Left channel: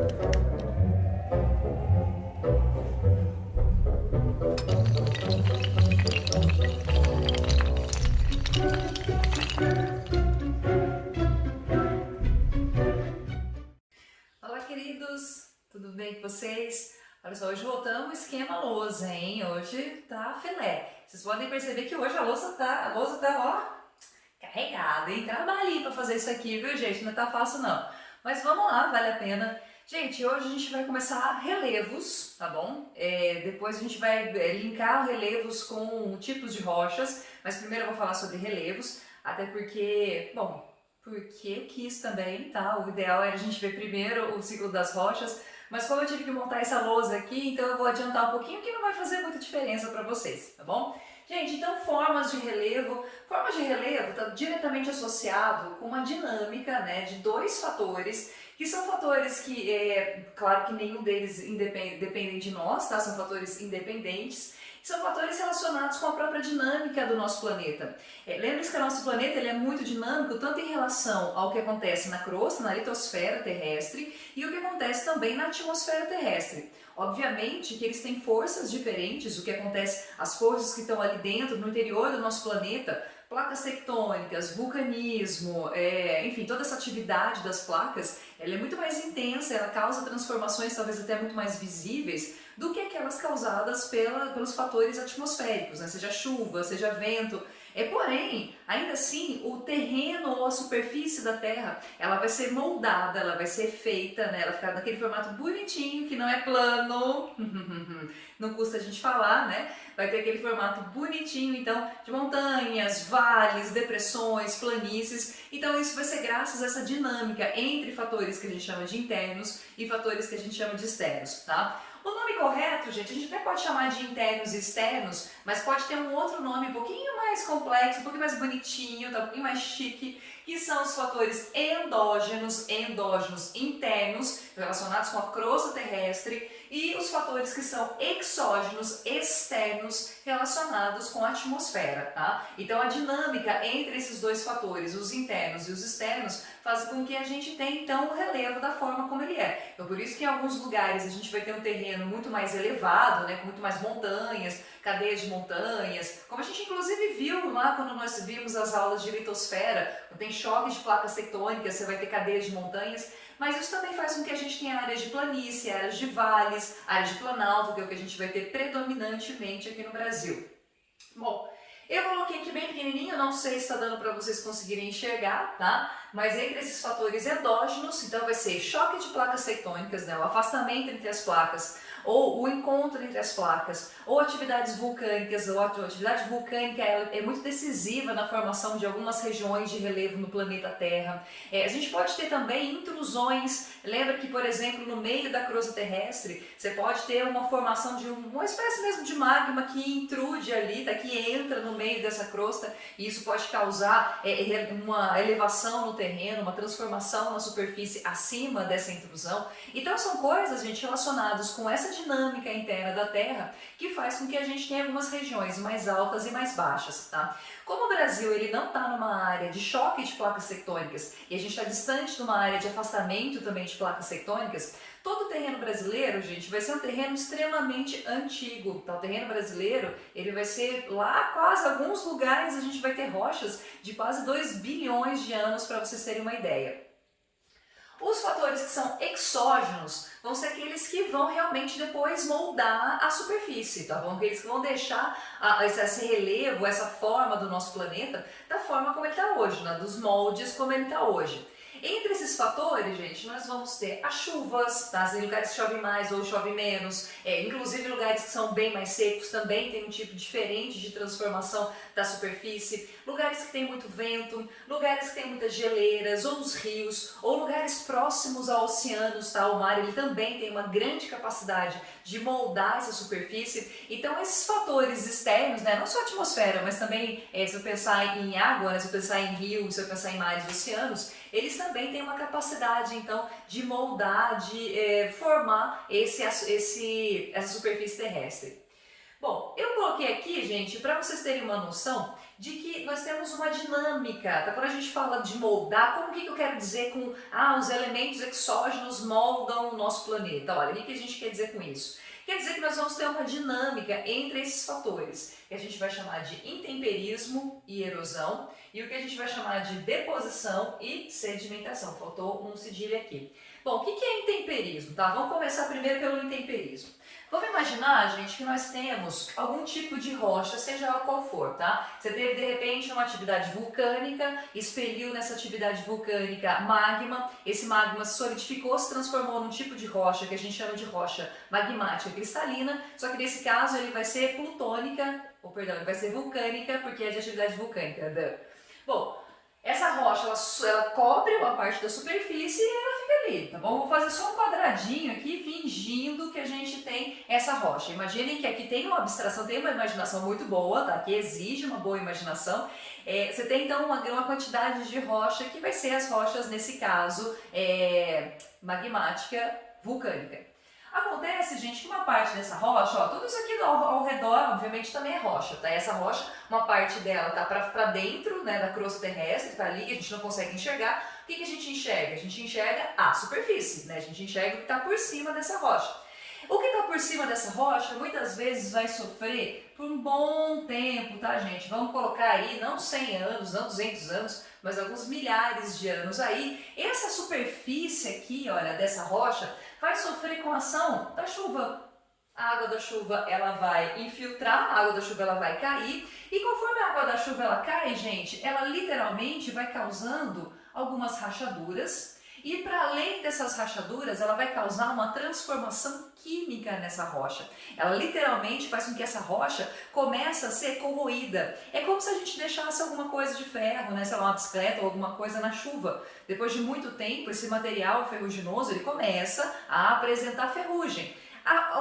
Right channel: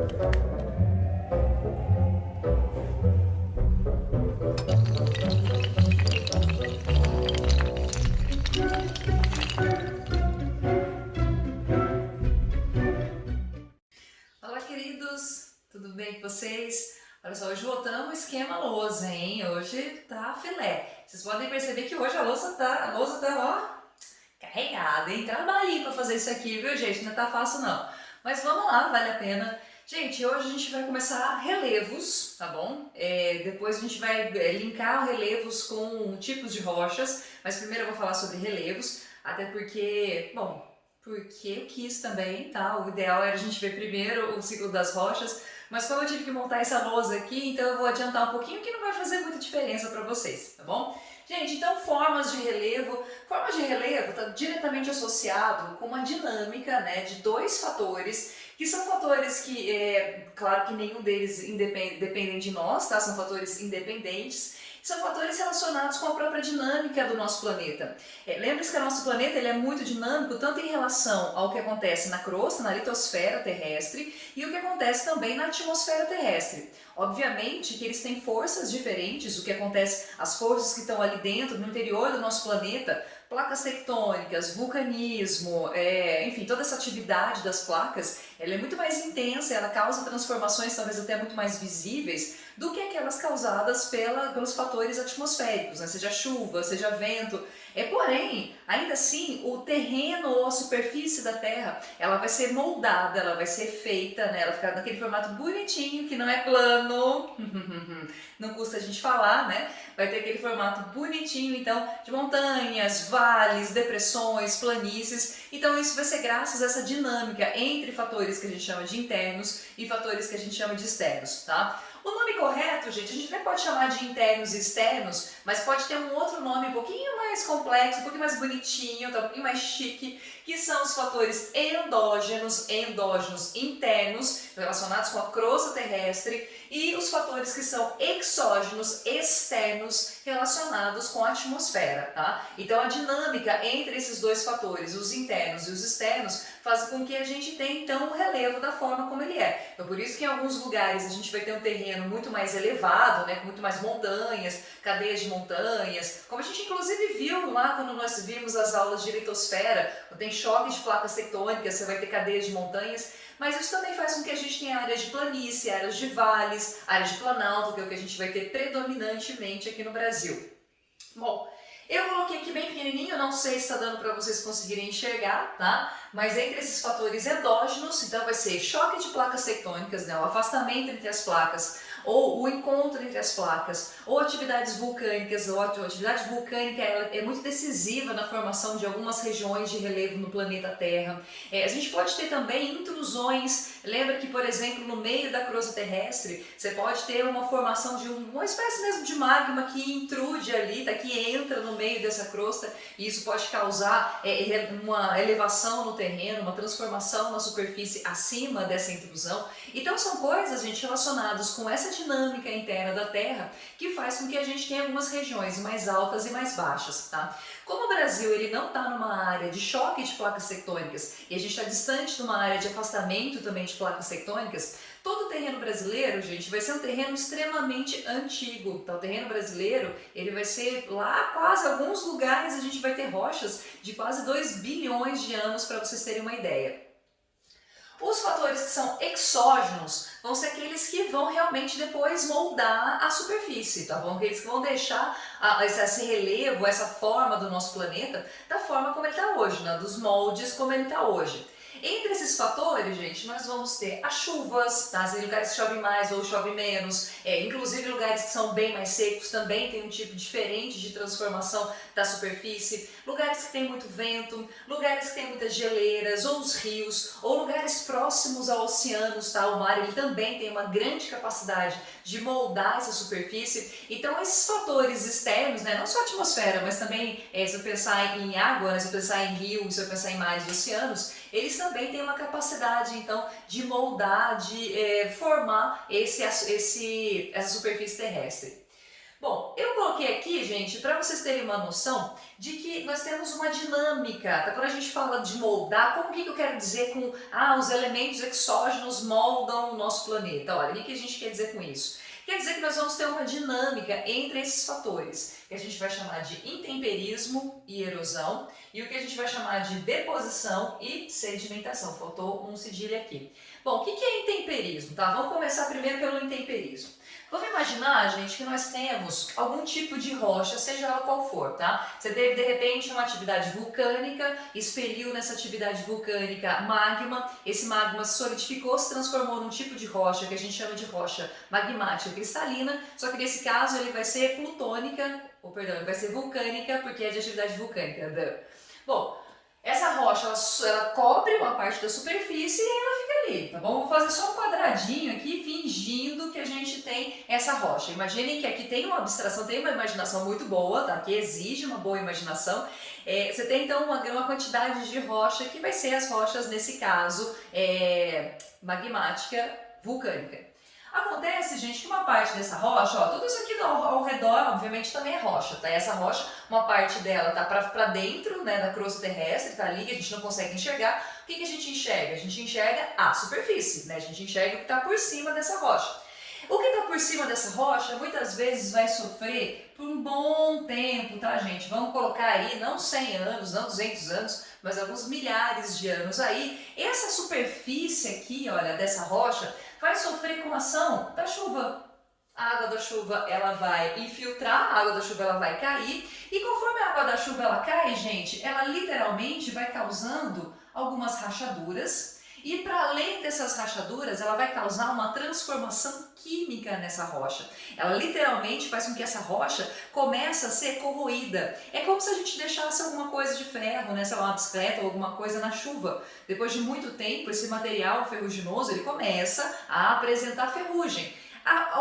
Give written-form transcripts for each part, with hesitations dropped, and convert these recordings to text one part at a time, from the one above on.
Olá, queridos! Tudo bem com vocês? Olha só, hoje voltamos ao esquema lousa, hein? Hoje tá filé. Vocês podem perceber que hoje a lousa tá, ó, carregada, hein? Trabalhei pra fazer isso aqui, viu, gente? Não tá fácil, não. Mas vamos lá, vale a pena. Gente, hoje a gente vai começar relevos, tá bom? Depois a gente vai linkar relevos com tipos de rochas, mas primeiro eu vou falar sobre relevos, até porque, bom, porque eu quis também, tá? O ideal era a gente ver primeiro o ciclo das rochas, mas como eu tive que montar essa lousa aqui, então eu vou adiantar um pouquinho que não vai fazer muita diferença para vocês, tá bom? Gente, então formas de relevo. Forma de relevo está diretamente associado com uma dinâmica, né, de dois fatores, que são fatores que, claro que nenhum deles dependem de nós, tá? São fatores independentes, são fatores relacionados com a própria dinâmica do nosso planeta. Lembre-se que o nosso planeta ele é muito dinâmico, tanto em relação ao que acontece na crosta, na litosfera terrestre, e o que acontece também na atmosfera terrestre. Obviamente que eles têm forças diferentes, o que acontece, as forças que estão ali dentro, no interior do nosso planeta, placas tectônicas, vulcanismo, enfim, toda essa atividade das placas, ela é muito mais intensa, ela causa transformações talvez até muito mais visíveis do que aquelas causadas pelos fatores atmosféricos, né? Seja chuva, seja vento. Porém, ainda assim, o terreno ou a superfície da Terra, ela vai ser moldada, ela vai ser feita, né? Ela fica naquele formato bonitinho, que não é plano, não custa a gente falar, né? Vai ter aquele formato bonitinho, então, de montanhas, vales, depressões, planícies. Então, isso vai ser graças a essa dinâmica entre fatores que a gente chama de internos e fatores que a gente chama de externos, tá? O nome correto, gente, a gente até pode chamar de internos e externos, mas pode ter um outro nome um pouquinho mais complexo, um pouquinho mais bonitinho, tá? Um pouquinho mais chique, que são os fatores endógenos internos, relacionados com a crosta terrestre, e os fatores que são exógenos, externos, relacionados com a atmosfera, tá? Então a dinâmica entre esses dois fatores, os internos e os externos, faz com que a gente tenha então o relevo da forma como ele é. Então por isso que em alguns lugares a gente vai ter um terreno muito mais elevado, né, com muito mais montanhas, cadeias de montanhas, como a gente inclusive viu lá quando nós vimos as aulas de litosfera, quando tem choque de placas tectônicas, você vai ter cadeias de montanhas, mas isso também faz com que a gente tenha áreas de planície, áreas de vales, áreas de planalto, que é o que a gente vai ter predominantemente aqui no Brasil. Bom, eu coloquei aqui bem pequenininho, não sei se está dando para vocês conseguirem enxergar, tá? Mas entre esses fatores endógenos, então vai ser choque de placas tectônicas, né? O afastamento entre as placas, ou o encontro entre as placas, ou atividades vulcânicas, ou a atividade vulcânica ela é muito decisiva na formação de algumas regiões de relevo no planeta Terra. A gente pode ter também intrusões, lembra que, por exemplo, no meio da crosta terrestre, você pode ter uma formação de uma espécie mesmo de magma que intrude ali, tá? Que entra no meio dessa crosta, e isso pode causar uma elevação no terreno, uma transformação na superfície acima dessa intrusão. Então são coisas, gente, relacionadas com essa dinâmica interna da Terra que faz com que a gente tenha algumas regiões mais altas e mais baixas, tá? Como o Brasil ele não está numa área de choque de placas tectônicas e a gente está distante de uma área de afastamento também de placas tectônicas, todo o terreno brasileiro, gente, vai ser um terreno extremamente antigo, tá? O terreno brasileiro, ele vai ser lá quase alguns lugares a gente vai ter rochas de quase 2 bilhões de anos, para vocês terem uma ideia. Os fatores que são exógenos vão ser aqueles que vão realmente depois moldar a superfície, tá bom? Aqueles que vão deixar esse relevo, essa forma do nosso planeta da forma como ele está hoje, né? Dos moldes como ele está hoje. Entre esses fatores, gente, nós vamos ter as chuvas, tá? Em lugares que chove mais ou chove menos, inclusive lugares que são bem mais secos também tem um tipo diferente de transformação da superfície, lugares que tem muito vento, lugares que tem muitas geleiras, ou os rios, ou lugares próximos a oceanos, tá? O mar ele também tem uma grande capacidade de moldar essa superfície. Então esses fatores externos, né, não só a atmosfera, mas também se eu pensar em água, né, se eu pensar em rio, se eu pensar em mares e oceanos, eles também têm uma capacidade então de moldar, de formar essa superfície terrestre. Bom, eu coloquei aqui, gente, para vocês terem uma noção de que nós temos uma dinâmica, tá? Quando a gente fala de moldar, como que eu quero dizer com os elementos exógenos moldam o nosso planeta? Olha, o que a gente quer dizer com isso? Quer dizer que nós vamos ter uma dinâmica entre esses fatores, que a gente vai chamar de intemperismo e erosão, e o que a gente vai chamar de deposição e sedimentação. Faltou um cedilha aqui. Bom, o que é intemperismo, tá? Vamos começar primeiro pelo intemperismo. Vamos imaginar, gente, que nós temos algum tipo de rocha, seja ela qual for, tá? Você teve, de repente, uma atividade vulcânica, expeliu nessa atividade vulcânica magma, esse magma se solidificou, se transformou num tipo de rocha que a gente chama de rocha magmática cristalina, só que nesse caso ele vai ser plutônica, ou perdão, ele vai ser vulcânica, porque é de atividade vulcânica. Bom, essa rocha, ela cobre uma parte da superfície e ela fica ali, tá bom? Vou fazer só um quadradinho aqui, fingindo que a gente tem essa rocha. Imaginem que aqui tem uma abstração, tem uma imaginação muito boa, tá? Que exige uma boa imaginação. Você tem então uma quantidade de rocha que vai ser as rochas, nesse caso, magmática vulcânica. Acontece, gente, que uma parte dessa rocha, ó, tudo isso aqui ao redor, obviamente, também é rocha, tá? Essa rocha, uma parte dela tá pra dentro, né, da crosta terrestre, tá ali, que a gente não consegue enxergar. O que a gente enxerga? A gente enxerga a superfície, né? A gente enxerga o que tá por cima dessa rocha. O que está por cima dessa rocha muitas vezes vai sofrer por um bom tempo, tá, gente? Vamos colocar aí não 100 anos, não 200 anos, mas alguns milhares de anos aí. Essa superfície aqui, olha, dessa rocha, vai sofrer com a ação da chuva. A água da chuva ela vai infiltrar, a água da chuva ela vai cair e conforme a água da chuva ela cai, gente, ela literalmente vai causando algumas rachaduras. E para além dessas rachaduras, ela vai causar uma transformação química nessa rocha. Ela literalmente faz com que essa rocha comece a ser corroída. É como se a gente deixasse alguma coisa de ferro, né, sei lá, uma bicicleta ou alguma coisa na chuva. Depois de muito tempo, esse material ferruginoso ele começa a apresentar ferrugem.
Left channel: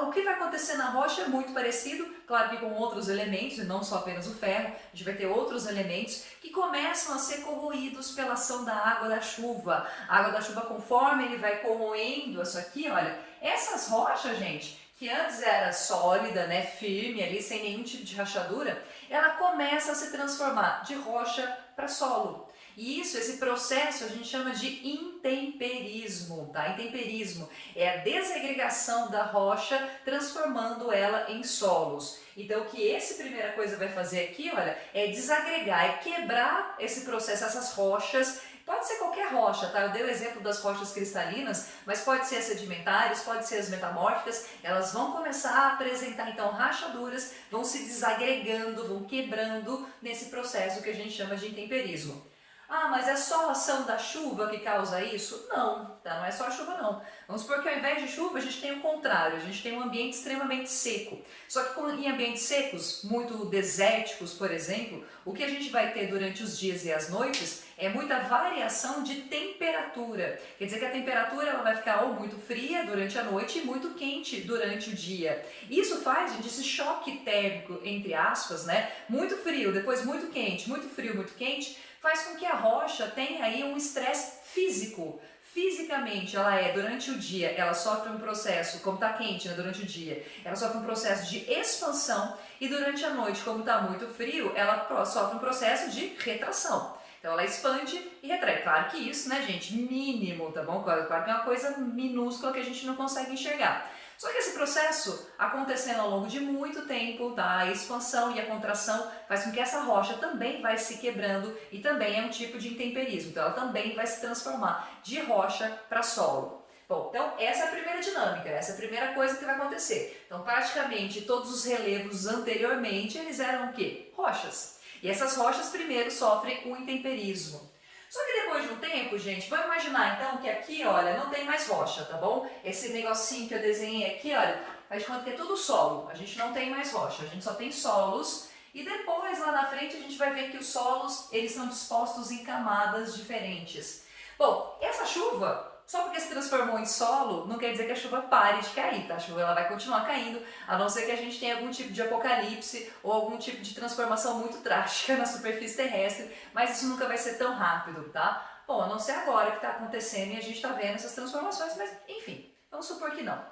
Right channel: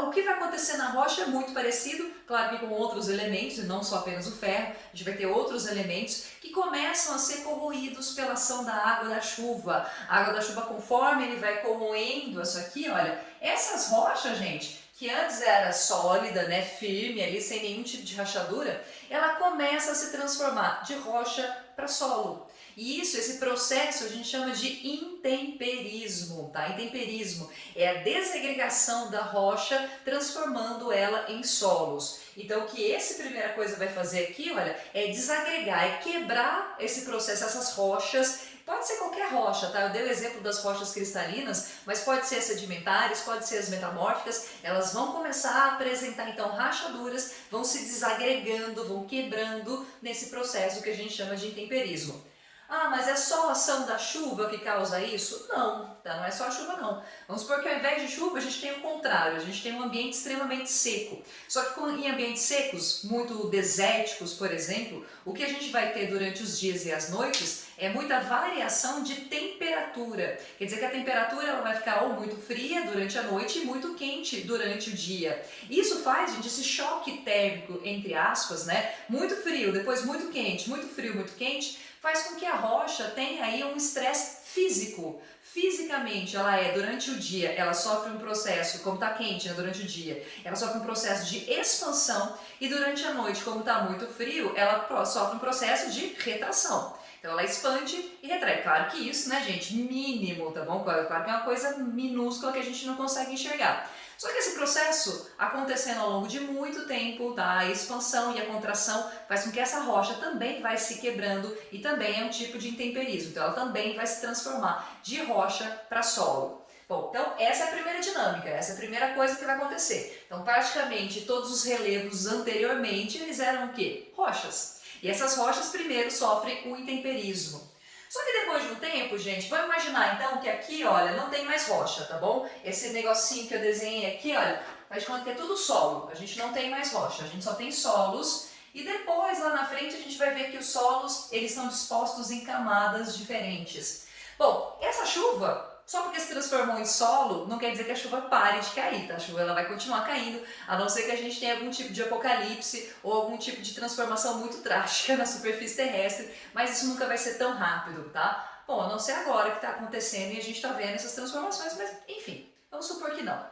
O que vai acontecer na rocha é muito parecido, claro que com outros elementos, e não só apenas o ferro, a gente vai ter outros elementos que começam a ser corroídos pela ação da água da chuva. A água da chuva, conforme ele vai corroendo isso aqui, olha, essas rochas, gente, que antes era sólida, né, firme ali, sem nenhum tipo de rachadura, ela começa a se transformar de rocha para solo. E esse processo a gente chama de intemperismo, tá? Intemperismo é a desagregação da rocha, transformando ela em solos. Então, o que essa primeira coisa vai fazer aqui, olha, é desagregar, é quebrar esse processo, essas rochas. Pode ser qualquer rocha, tá? Eu dei o exemplo das rochas cristalinas, mas pode ser as sedimentares, pode ser as metamórficas. Elas vão começar a apresentar, então, rachaduras, vão se desagregando, vão quebrando nesse processo que a gente chama de intemperismo. Ah, mas é só a ação da chuva que causa isso? Não, tá? Não é só a chuva não. Vamos supor que ao invés de chuva a gente tem o contrário, a gente tem um ambiente extremamente seco. Só que em ambientes secos, muito desérticos, por exemplo, o que a gente vai ter durante os dias e as noites é muita variação de temperatura. Quer dizer que a temperatura ela vai ficar ou muito fria durante a noite e muito quente durante o dia. Isso faz, gente, esse choque térmico, entre aspas, né? Muito frio, depois muito quente, muito frio, muito quente, faz com que a rocha tenha aí um estresse físico. Fisicamente, ela durante o dia, ela sofre um processo, como está quente, né, durante o dia, ela sofre um processo de expansão e durante a noite, como está muito frio, ela sofre um processo de retração. Então ela expande e retrai. Claro que isso, né, gente, mínimo, tá bom? Claro que é uma coisa minúscula que a gente não consegue enxergar. Só que esse processo acontecendo ao longo de muito tempo, tá? A expansão e a contração faz com que essa rocha também vai se quebrando e também é um tipo de intemperismo. Então ela também vai se transformar de rocha para solo. Bom, então essa é a primeira dinâmica, essa é a primeira coisa que vai acontecer. Então praticamente todos os relevos anteriormente, eles eram o quê? Rochas. E essas rochas primeiro sofrem o intemperismo. Só que depois de um tempo, gente, vamos imaginar então que aqui, olha, não tem mais rocha, tá bom? Esse negocinho que eu desenhei aqui, olha, faz de conta que é tudo solo, a gente não tem mais rocha, a gente só tem solos. E depois, lá na frente, a gente vai ver que os solos, eles são dispostos em camadas diferentes. Bom, essa chuva, só porque se transformou em solo, não quer dizer que a chuva pare de cair, tá? A chuva ela vai continuar caindo, a não ser que a gente tenha algum tipo de apocalipse ou algum tipo de transformação muito drástica na superfície terrestre, mas isso nunca vai ser tão rápido, tá? Bom, a não ser agora que está acontecendo e a gente está vendo essas transformações, mas enfim, vamos supor que não.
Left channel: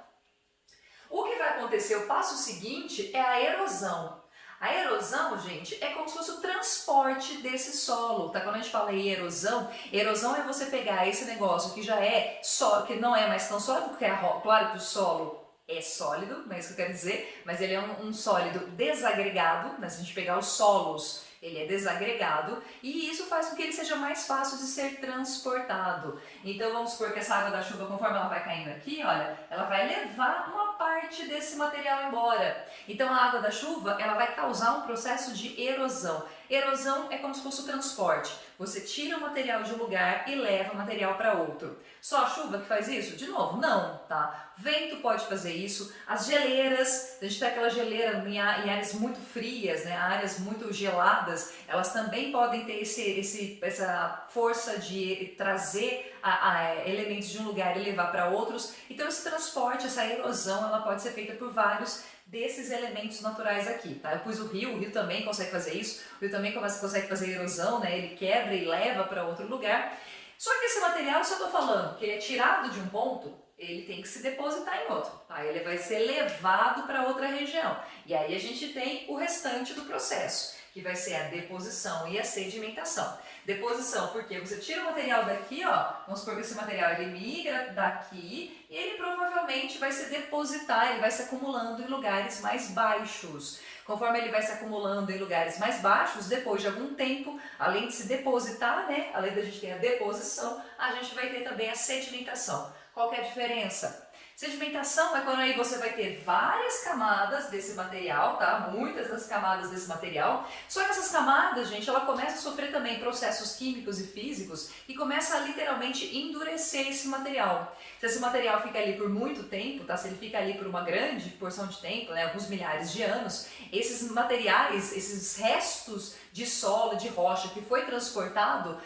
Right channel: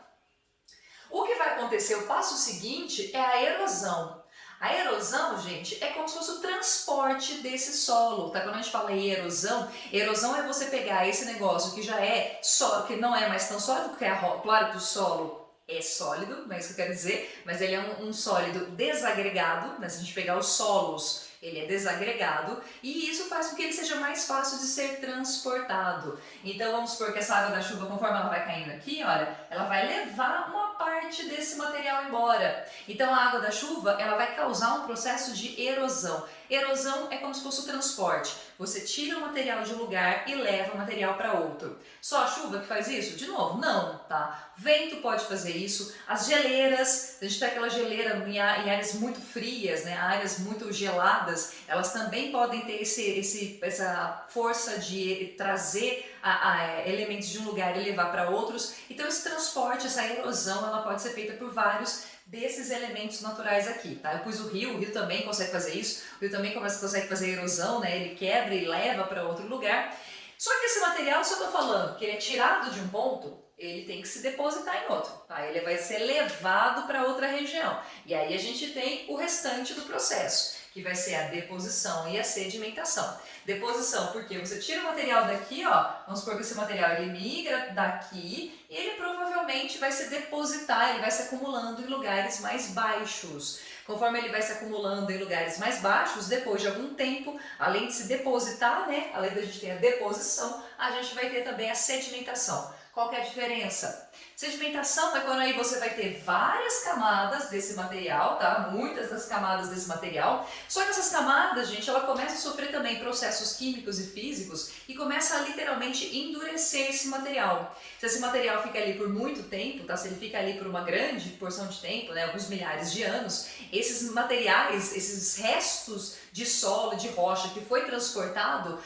O que vai acontecer, o passo seguinte, é a erosão. A erosão, gente, é como se fosse o transporte desse solo, tá? Quando a gente fala em erosão, erosão é você pegar esse negócio que já é sólido, que não é mais tão sólido, porque claro que o solo é sólido, não é isso que eu quero dizer, mas ele é um sólido desagregado, né? Se a gente pegar os solos, ele é desagregado e isso faz com que ele seja mais fácil de ser transportado. Então vamos supor que essa água da chuva, conforme ela vai caindo aqui, olha, ela vai levar uma parte desse material embora. Então a água da chuva, ela vai causar um processo de erosão. Erosão é como se fosse o transporte. Você tira o material de um lugar e leva o material para outro. Só a chuva que faz isso? De novo, não, tá? Vento pode fazer isso. As geleiras, a gente tem aquela geleira em áreas muito frias, né? Áreas muito geladas, elas também podem ter essa força de trazer elementos de um lugar e levar para outros. Então esse transporte, essa erosão, ela pode ser feita por vários desses elementos naturais aqui, tá? Eu pus o rio também consegue fazer isso, o rio também consegue fazer erosão, né? Ele quebra e leva para outro lugar. Só que esse material, se eu tô falando que ele é tirado de um ponto, ele tem que se depositar em outro, tá? Ele vai ser levado para outra região. E aí a gente tem o restante do processo, que vai ser a deposição e a sedimentação. Deposição, porque você tira o material daqui, ó, vamos supor que esse material ele migra daqui e ele provavelmente vai se depositar, ele vai se acumulando em lugares mais baixos. Conforme ele vai se acumulando em lugares mais baixos, depois de algum tempo, além de se depositar, né, além da gente ter a deposição, a gente vai ter também a sedimentação. Qual que é a diferença? Sedimentação é quando aí você vai ter várias camadas desse material, tá? Muitas das camadas desse material. Só que essas camadas, gente, ela começa a sofrer também processos químicos e físicos e começa a literalmente endurecer esse material. Se esse material fica ali por muito tempo, tá? Se ele fica ali por uma grande porção de tempo, né? Alguns milhares de anos, esses materiais, esses restos de solo, de rocha que foi transportado,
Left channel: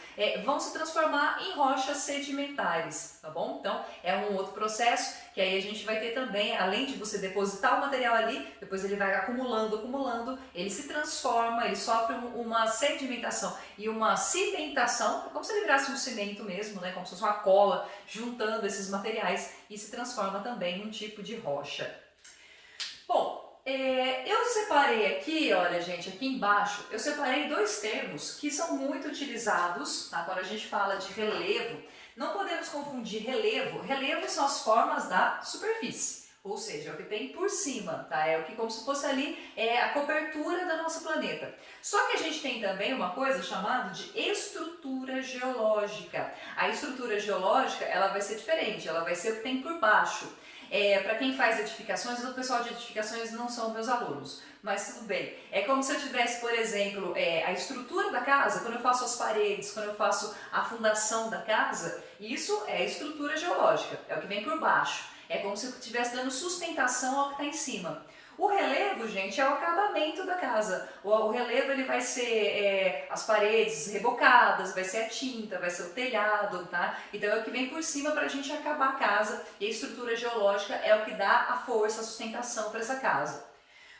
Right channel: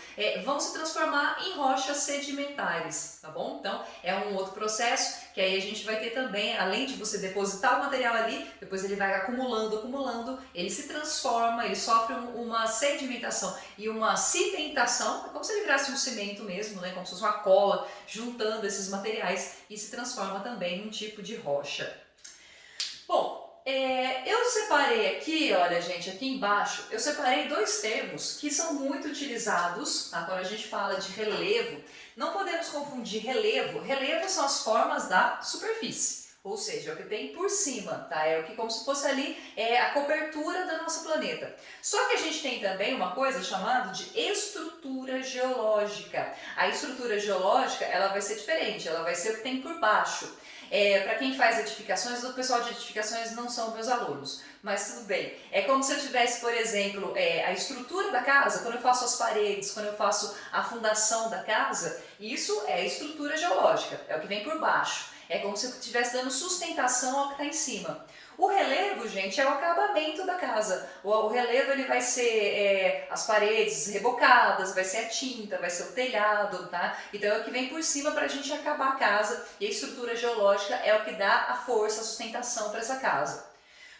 vão se transformar em rochas sedimentares, tá bom? Então, é um outro processo que aí a gente vai ter também, além de você depositar o material ali, depois ele vai acumulando, ele se transforma, ele sofre uma sedimentação e uma cimentação, é como se ele virasse um cimento mesmo, né? Como se fosse uma cola, juntando esses materiais e se transforma também num tipo de rocha. Bom, eu separei aqui, olha gente, aqui embaixo, eu separei dois termos que são muito utilizados, tá? Quando a gente fala de relevo. Não podemos confundir relevo. Relevo são as formas da superfície, ou seja, é o que tem por cima, tá? É o que como se fosse ali a cobertura do nosso planeta. Só que a gente tem também uma coisa chamada de estrutura geológica. A estrutura geológica, ela vai ser diferente, ela vai ser o que tem por baixo. Para quem faz edificações, o pessoal de edificações não são meus alunos, mas tudo bem. É como se eu tivesse, por exemplo, a estrutura da casa, quando eu faço as paredes, quando eu faço a fundação da casa, isso é estrutura geológica, é o que vem por baixo. É como se eu estivesse dando sustentação ao que está em cima. O relevo, gente, é o acabamento da casa. O relevo ele vai ser as paredes rebocadas, vai ser a tinta, vai ser o telhado, tá? Então é o que vem por cima para a gente acabar a casa e a estrutura geológica é o que dá a força, a sustentação para essa casa.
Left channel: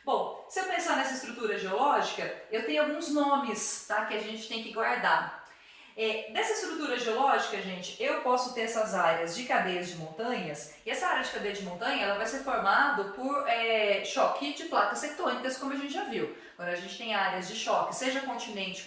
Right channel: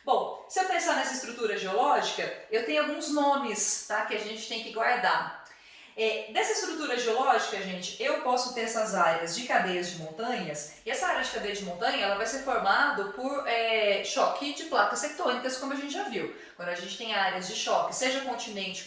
Bom, se eu pensar nessa estrutura geológica, eu tenho alguns nomes, tá, que a gente tem que guardar. Dessa estrutura geológica, gente, eu posso ter essas áreas de cadeias de montanhas, e essa área de cadeia de montanha ela vai ser formada por choque de placas tectônicas, como a gente já viu. Quando a gente tem áreas de choque, seja continente,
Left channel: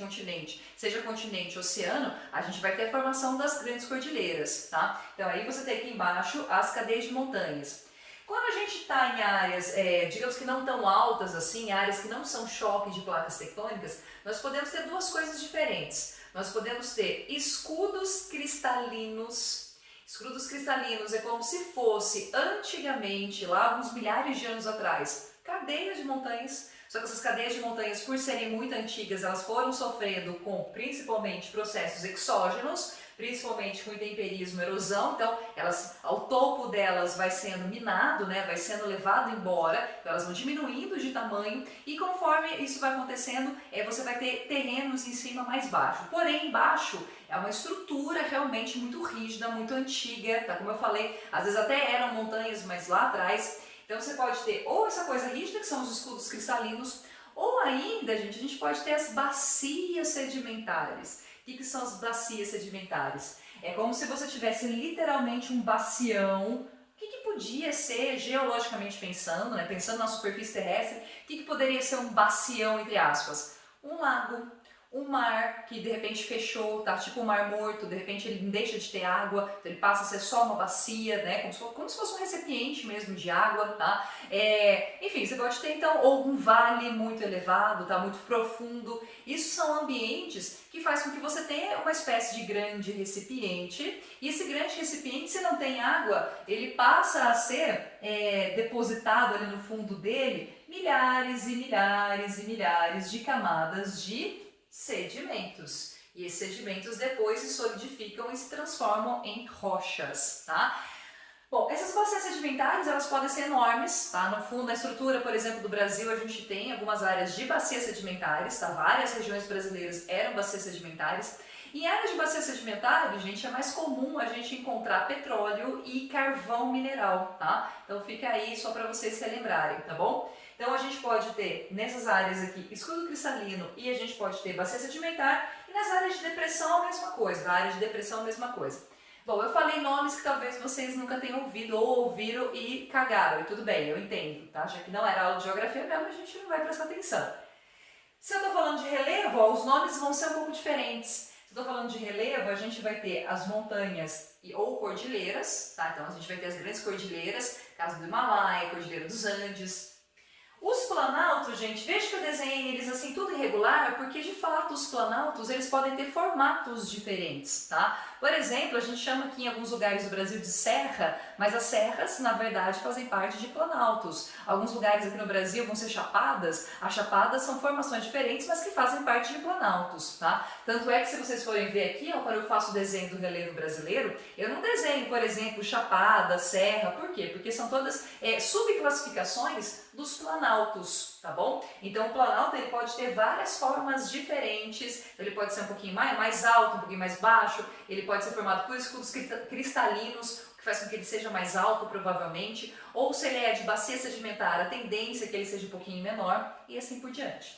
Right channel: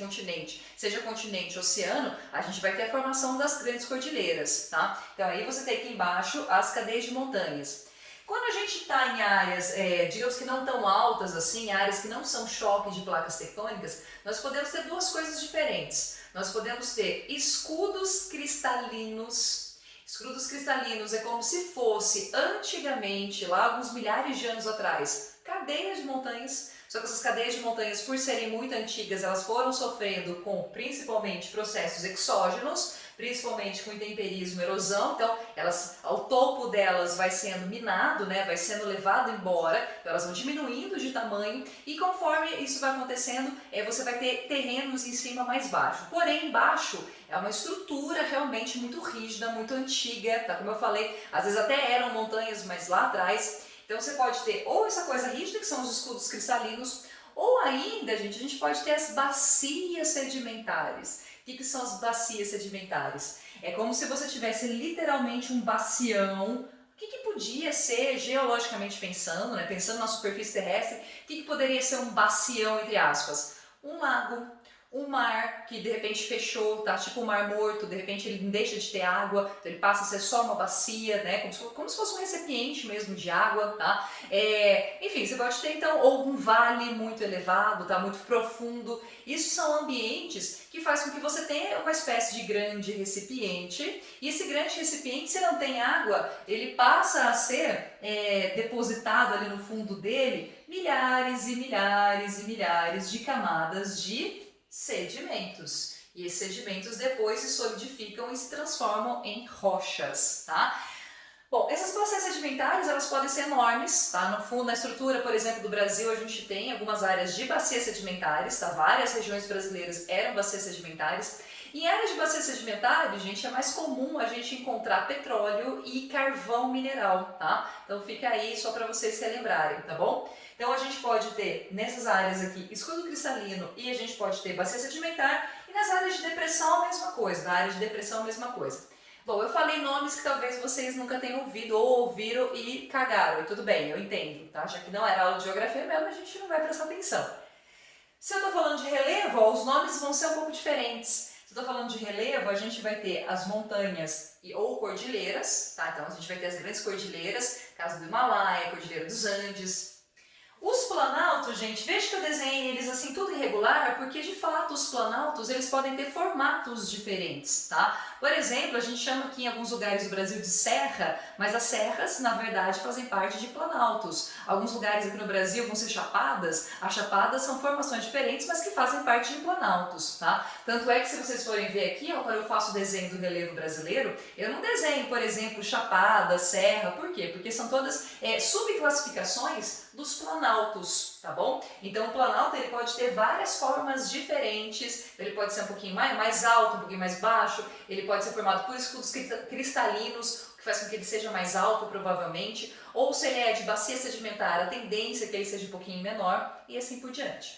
seja continente-oceano, a gente vai ter a formação das grandes cordilheiras, tá? Então aí você tem aqui embaixo as cadeias de montanhas. Quando a gente está em áreas, digamos que não tão altas assim, áreas que não são choque de placas tectônicas, nós podemos ter duas coisas diferentes. Nós podemos ter escudos cristalinos. Escudos cristalinos é como se fosse antigamente, lá alguns milhares de anos atrás, cadeias de montanhas. Só que essas cadeias de montanhas, por serem muito antigas, elas foram sofrendo com principalmente processos exógenos, principalmente com intemperismo, erosão, então o topo delas vai sendo minado, né, vai sendo levado embora, então elas vão diminuindo de tamanho e conforme isso vai acontecendo, você vai ter terrenos em cima mais baixo. Porém, embaixo é uma estrutura realmente muito rígida, muito antiga, tá? Como eu falei, às vezes até eram montanhas, mas lá atrás. Então você pode ter ou essa coisa rígida, que são os escudos cristalinos, ou ainda, gente, a gente pode ter as bacias sedimentares. O que são as bacias sedimentares? É como se você tivesse literalmente um bacião. O que podia ser, geologicamente pensando, né, pensando na superfície terrestre, o que poderia ser um bacião, entre aspas? Um lago, um mar que de repente fechou, tá? Tipo um mar morto, de repente ele deixa de ter água, então ele passa a ser só uma bacia, né? Como se fosse um recipiente mesmo de água, tá? Enfim, você pode ter então ou um vale muito elevado, tá? Muito profundo. Isso são ambientes que faz com que você tenha uma espécie de grande recipiente, e esse grande recipiente, se não tem água, ele passa a ser depositado ali no fundo dele milhares e milhares e milhares de camadas de sedimentos. E esses sedimentos depois se solidificam e se transformam em rochas, tá? Bom, essas bacias sedimentares, elas podem ser enormes, tá? No fundo, na estrutura, por exemplo, do Brasil, a gente tem algumas áreas de bacias sedimentares, tá? Várias regiões brasileiras eram bacias sedimentares. Em áreas de bacias sedimentares, gente, é mais comum a gente encontrar petróleo e carvão mineral, tá? Então fica aí só para vocês relembrarem, tá bom? Então a gente pode ter nessas áreas aqui escudo cristalino e a gente pode ter bacia sedimentar, e nas áreas de depressão a mesma coisa, na área de depressão a mesma coisa. Bom, eu falei nomes que talvez vocês nunca tenham ouvido ou ouviram e cagaram, e tudo bem, eu entendo, tá? Já que não era aula de geografia mesmo, a gente não vai prestar atenção. Se eu tô falando de relevo, ó, os nomes vão ser um pouco diferentes. Se eu tô falando de relevo, a gente vai ter as montanhas ou cordilheiras, tá? Então a gente vai ter as grandes cordilheiras, caso do Himalaia, Cordilheira dos Andes. Os planaltos, gente, veja que eu desenhei eles assim tudo irregular, porque de fato os planaltos eles podem ter formatos diferentes, tá? Por exemplo, a gente chama aqui em alguns lugares do Brasil de serra, mas as serras na verdade fazem parte de planaltos. Alguns lugares aqui no Brasil vão ser chapadas, as chapadas são formações diferentes, mas que fazem parte de planaltos, tá? Tanto é que se vocês forem ver aqui, ó, quando eu faço o desenho do relevo brasileiro, eu não desenho, por exemplo, chapada, serra, por quê? Porque são todas subclassificações dos planaltos, tá bom? Então o planalto ele pode ter várias formas diferentes, ele pode ser um pouquinho mais alto, um pouquinho mais baixo, ele pode ser formado por escudos cristalinos, o que faz com que ele seja mais alto provavelmente, ou se ele é de bacia sedimentar, a tendência é que ele seja um pouquinho menor e assim por diante.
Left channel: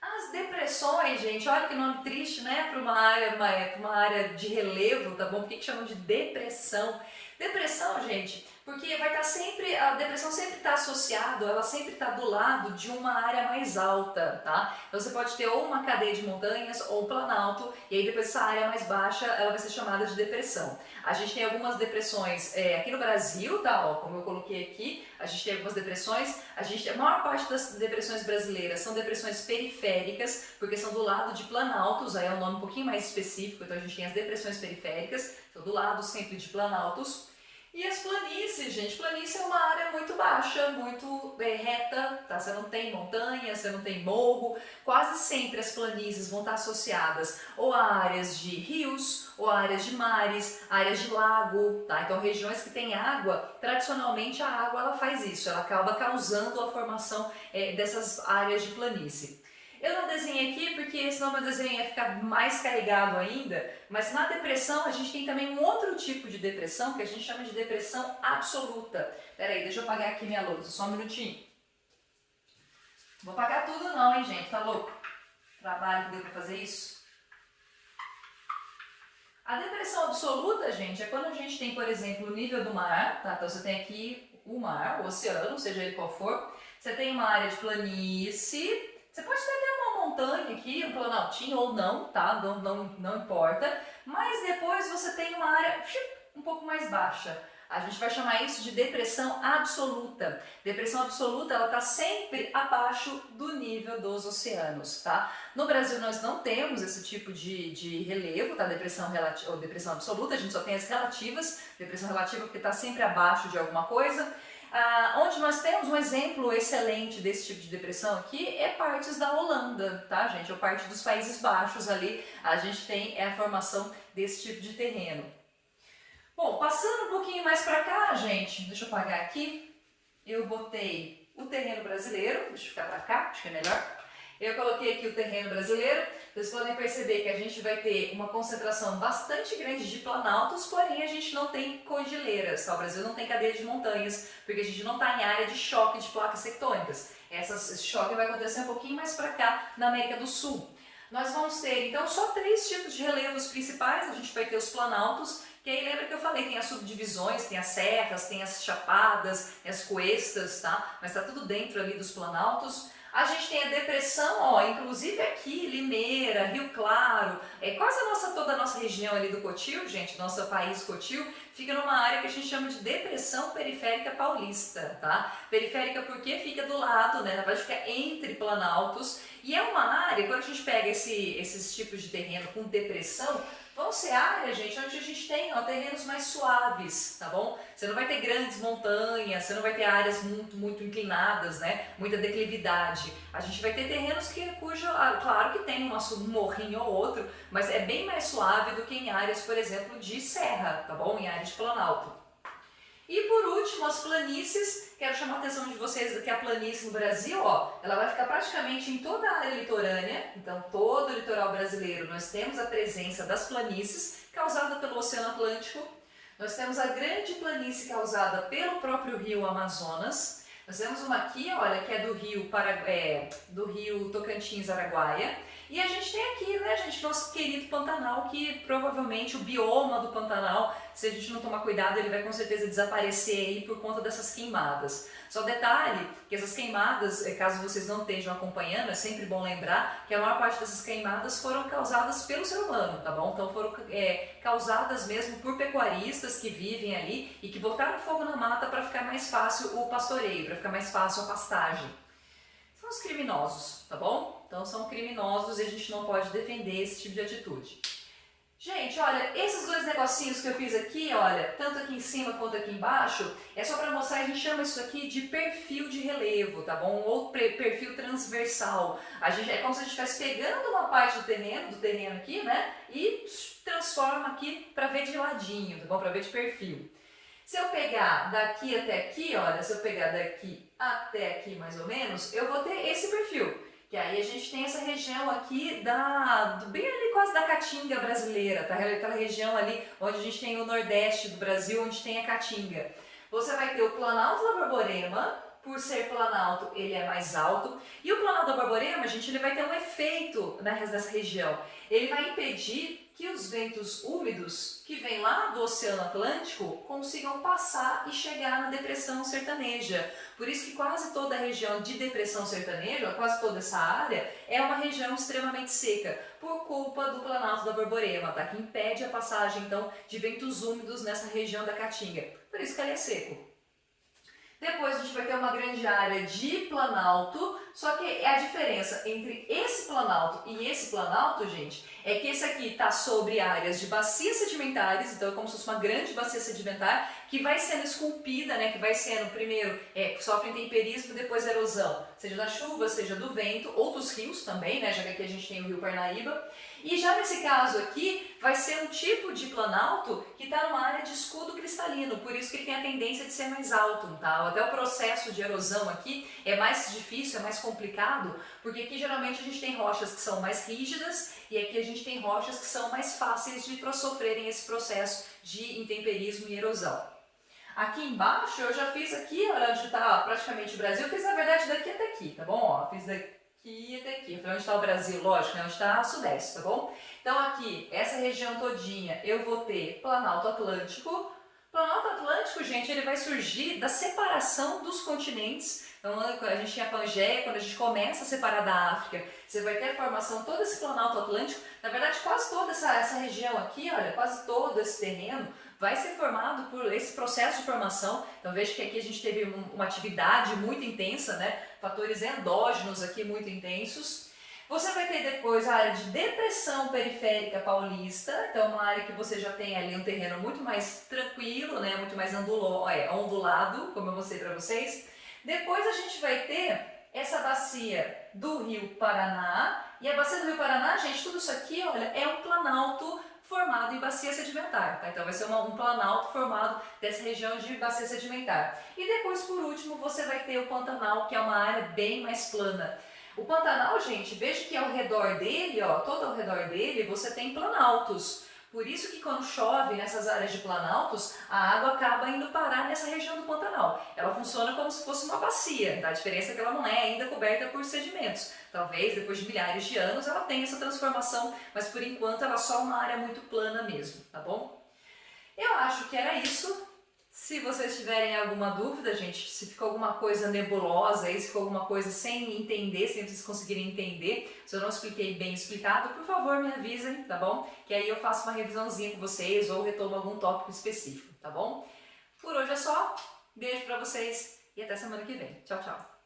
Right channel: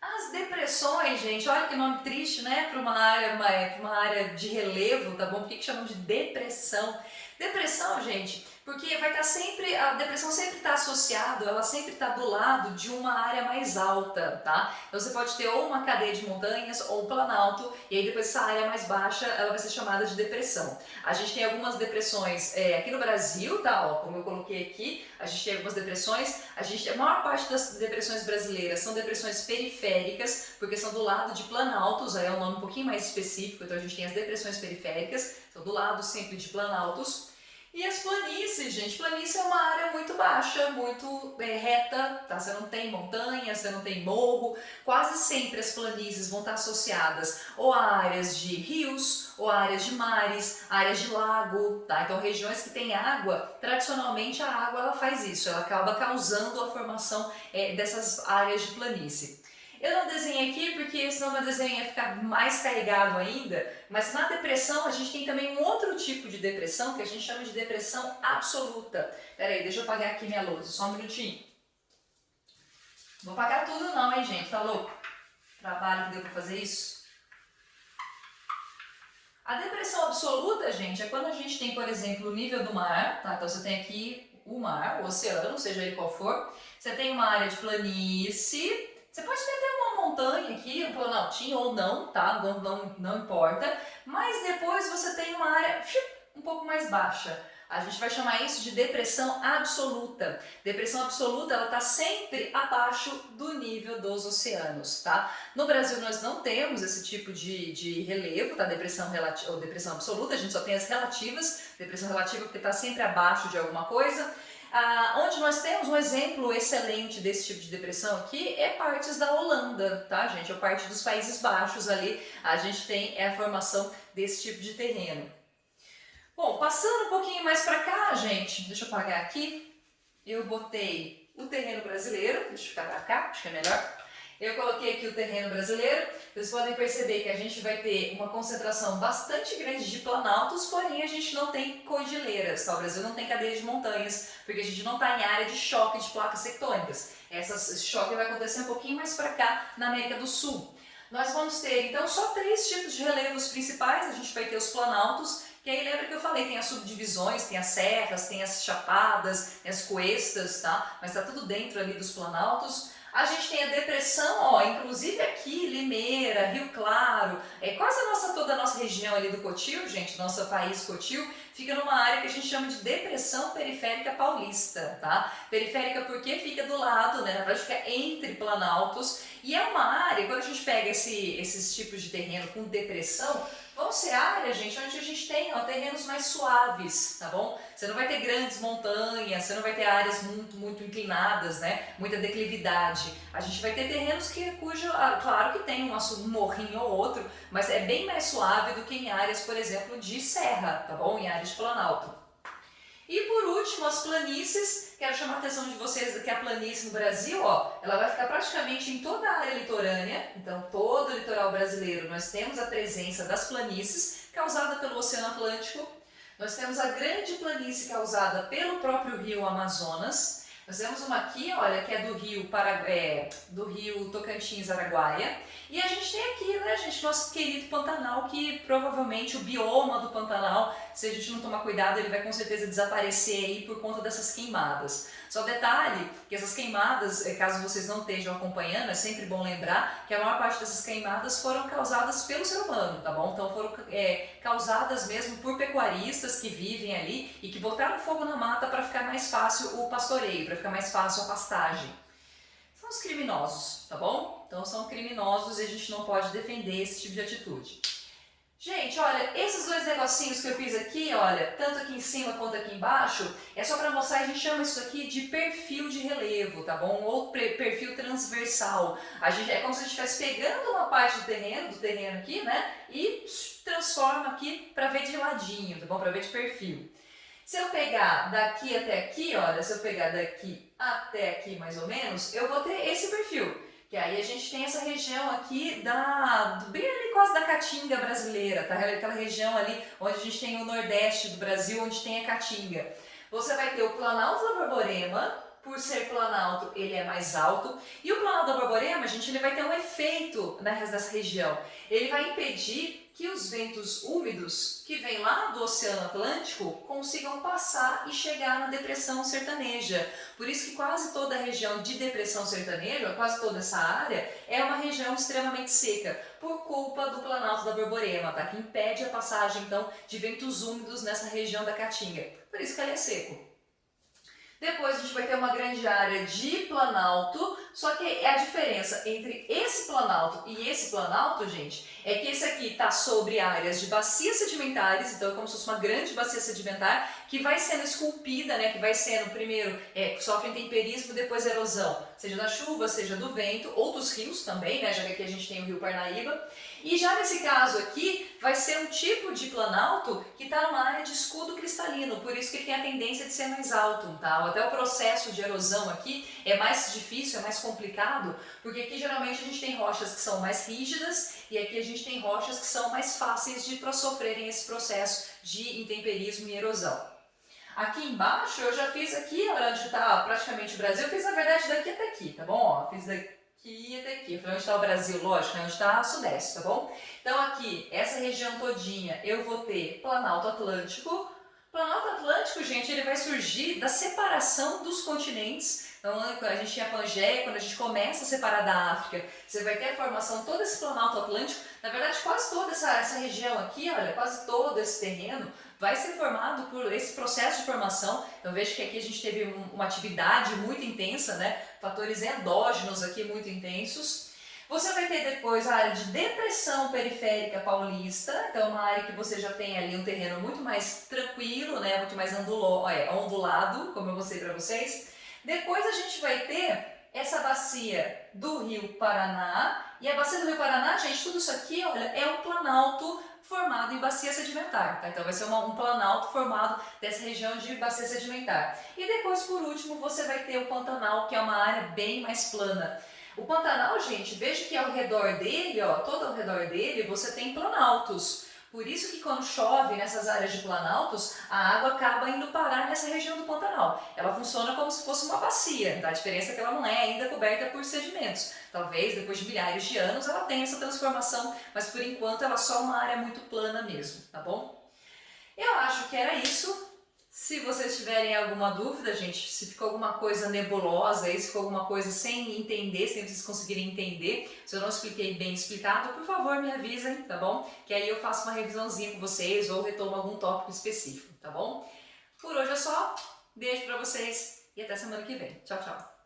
As depressões, gente, olha que nome triste, né, para uma área de relevo, tá bom? Por que chamam de depressão? Depressão, gente, porque vai estar sempre, a depressão sempre está associada, ela sempre está do lado de uma área mais alta, tá? Então você pode ter ou uma cadeia de montanhas ou um planalto, e aí depois essa área mais baixa, ela vai ser chamada de depressão. A gente tem algumas depressões aqui no Brasil, tá? Ó, como eu coloquei aqui, a gente tem algumas depressões, a maior parte das depressões brasileiras são depressões periféricas, porque são do lado de planaltos, aí é um nome um pouquinho mais específico, então a gente tem as depressões periféricas, são do lado sempre de planaltos. E as planícies, gente, planície é uma área muito baixa, muito reta, tá? Você não tem montanha, você não tem morro, quase sempre as planícies vão estar associadas ou a áreas de rios, ou a áreas de mares, áreas de lago, tá? Então regiões que têm água, tradicionalmente a água ela faz isso, ela acaba causando a formação dessas áreas de planície. Eu não desenhei aqui porque senão meu desenho ia ficar mais carregado ainda, mas na depressão a gente tem também um outro tipo de depressão que a gente chama de depressão absoluta. Pera aí, deixa eu apagar aqui minha lousa, só um minutinho. Não vou apagar tudo não, hein, gente, tá louco? Trabalho que deu pra fazer isso. A depressão absoluta, gente, é quando a gente tem, por exemplo, o nível do mar, tá? Então você tem aqui o mar, o oceano, seja ele qual for. Você tem uma área de planície. Você pode ter até uma montanha aqui, um planaltinho ou não, tá? Não importa. Mas depois você tem uma área um pouco mais baixa. A gente vai chamar isso de depressão absoluta. Depressão absoluta, ela está sempre abaixo do nível dos oceanos, tá? No Brasil nós não temos esse tipo de relevo, tá? Depressão relativa ou depressão absoluta, a gente só tem as relativas. Depressão relativa porque está sempre abaixo de alguma coisa. Onde nós temos um exemplo excelente desse tipo de depressão aqui é partes da Holanda, tá, gente? Ou parte dos Países Baixos ali, a gente tem a formação desse tipo de terreno. Bom, passando um pouquinho mais para cá, gente, deixa eu apagar aqui, eu botei o terreno brasileiro, deixa eu ficar para cá, acho que é melhor. Eu coloquei aqui o terreno brasileiro, vocês podem perceber que a gente vai ter uma concentração bastante grande de planaltos, porém a gente não tem cordilheiras, tá? O Brasil não tem cadeia de montanhas, porque a gente não está em área de choque de placas tectônicas. Esse choque vai acontecer um pouquinho mais para cá, na América do Sul. Nós vamos ter, então, só 3 tipos de relevos principais. A gente vai ter os planaltos, Que aí lembra que eu falei, tem as subdivisões, tem as serras, tem as chapadas, tem as cuestas, tá? Mas tá tudo dentro ali dos planaltos. A gente tem a depressão, ó, inclusive aqui, Limeira, Rio Claro, quase toda a nossa região ali do Cotil, gente, nosso país Cotil, fica numa área que a gente chama de depressão periférica paulista, tá? Periférica porque fica do lado, né, na verdade fica entre planaltos, e é uma área, quando a gente pega esses tipos de terreno com depressão, vão ser áreas, gente, onde a gente tem terrenos mais suaves, tá bom? Você não vai ter grandes montanhas, você não vai ter áreas muito inclinadas, né? Muita declividade. A gente vai ter terrenos claro que tem um morrinho ou outro, mas é bem mais suave do que em áreas, por exemplo, de serra, tá bom? Em áreas de planalto. E por último, as planícies. Quero chamar a atenção de vocês que a planície no Brasil, ó, ela vai ficar praticamente em toda a área litorânea. Então, todo o litoral brasileiro, nós temos a presença das planícies causada pelo Oceano Atlântico. Nós temos a grande planície causada pelo próprio rio Amazonas. Nós temos uma aqui, olha, que é do rio Tocantins-Araguaia. E a gente tem aqui, né, gente, nosso querido Pantanal, que provavelmente o bioma do Pantanal, se a gente não tomar cuidado, ele vai com certeza desaparecer aí por conta dessas queimadas. Só detalhe que essas queimadas, caso vocês não estejam acompanhando, é sempre bom lembrar que a maior parte dessas queimadas foram causadas pelo ser humano, tá bom? Então foram causadas mesmo por pecuaristas que vivem ali e que botaram fogo na mata para ficar mais fácil o pastoreio, para ficar mais fácil a pastagem. São os criminosos, tá bom? Então são criminosos e a gente não pode defender esse tipo de atitude. Gente, olha, esses dois negocinhos que eu fiz aqui, olha, tanto aqui em cima quanto aqui embaixo, é só para mostrar, a gente chama isso aqui de perfil de relevo, tá bom? Ou perfil transversal. É como se a gente estivesse pegando uma parte do terreno aqui, né? E transforma aqui para ver de ladinho, tá bom? Para ver de perfil. Se eu pegar daqui até aqui, olha, se eu pegar daqui até aqui mais ou menos, eu vou ter esse perfil. Que aí a gente tem essa região aqui bem ali quase da Caatinga brasileira, tá? Aquela região ali onde a gente tem o nordeste do Brasil, onde tem a Caatinga. Você vai ter o Planalto da Borborema, por ser planalto ele é mais alto, e o Planalto da Borborema, gente, ele vai ter um efeito nessa região. Ele vai impedir que os ventos úmidos que vêm lá do Oceano Atlântico consigam passar e chegar na depressão sertaneja. Por isso que quase toda a região de depressão sertaneja, quase toda essa área, é uma região extremamente seca, por culpa do Planalto da Borborema, tá? Que impede a passagem, então, de ventos úmidos nessa região da Caatinga. Por isso que ele é seco. Depois a gente vai ter uma grande área de planalto, só que a diferença entre esse planalto e esse planalto, gente, é que esse aqui está sobre áreas de bacias sedimentares, então é como se fosse uma grande bacia sedimentar que vai sendo esculpida, né, que vai sendo primeiro, sofre intemperismo e depois erosão, seja da chuva, seja do vento, ou dos rios também, né, já que aqui a gente tem o rio Parnaíba. E já nesse caso aqui, vai ser um tipo de planalto que está numa área de escudo cristalino, por isso que ele tem a tendência de ser mais alto, tá? Até o processo de erosão aqui é mais difícil, é mais complicado, porque aqui geralmente a gente tem rochas que são mais rígidas e aqui a gente tem rochas que são mais fáceis de sofrerem esse processo de intemperismo e erosão. Aqui embaixo eu já fiz aqui, olha onde está praticamente o Brasil, eu fiz na verdade daqui até aqui, tá bom? Ó, fiz daqui até aqui. Eu falei onde está o Brasil, lógico, né? Onde está o Sudeste, tá bom? Então aqui, essa região todinha, eu vou ter Planalto Atlântico. Planalto Atlântico, gente, ele vai surgir da separação dos continentes. Então, a gente tinha a Pangeia, quando a gente começa a separar da África, você vai ter a formação, todo esse Planalto Atlântico. Na verdade, quase toda essa região aqui, olha, quase todo esse terreno vai ser formado por esse processo de formação. Então veja que aqui a gente teve uma atividade muito intensa, né? Fatores endógenos aqui muito intensos. Você vai ter depois a área de depressão periférica paulista, então é uma área que você já tem ali um terreno muito mais tranquilo, né? Muito mais ondulado, como eu mostrei para vocês. Depois a gente vai ter essa bacia do Rio Paraná, e a bacia do Rio Paraná, gente, tudo isso aqui, olha, é um planalto formado em bacia sedimentar, tá? Então vai ser um planalto formado dessa região de bacia sedimentar. E depois, por último, você vai ter o Pantanal, que é uma área bem mais plana. O Pantanal, gente, veja que ao redor dele, ó, todo ao redor dele, você tem planaltos. Por isso que quando chove nessas áreas de planaltos, a água acaba indo parar nessa região do Pantanal. Ela funciona como se fosse uma bacia, tá? A diferença é que ela não é ainda coberta por sedimentos. Talvez depois de milhares de anos ela tenha essa transformação, mas por enquanto ela é só uma área muito plana mesmo, tá bom? Eu acho que era isso. Se vocês tiverem alguma dúvida, gente, se ficou alguma coisa nebulosa aí, se ficou alguma coisa sem entender, sem vocês conseguirem entender, se eu não expliquei bem explicado, por favor me avisem, tá bom? Que aí eu faço uma revisãozinha com vocês ou retomo algum tópico específico, tá bom? Por hoje é só. Beijo pra vocês e até semana que vem. Tchau, tchau.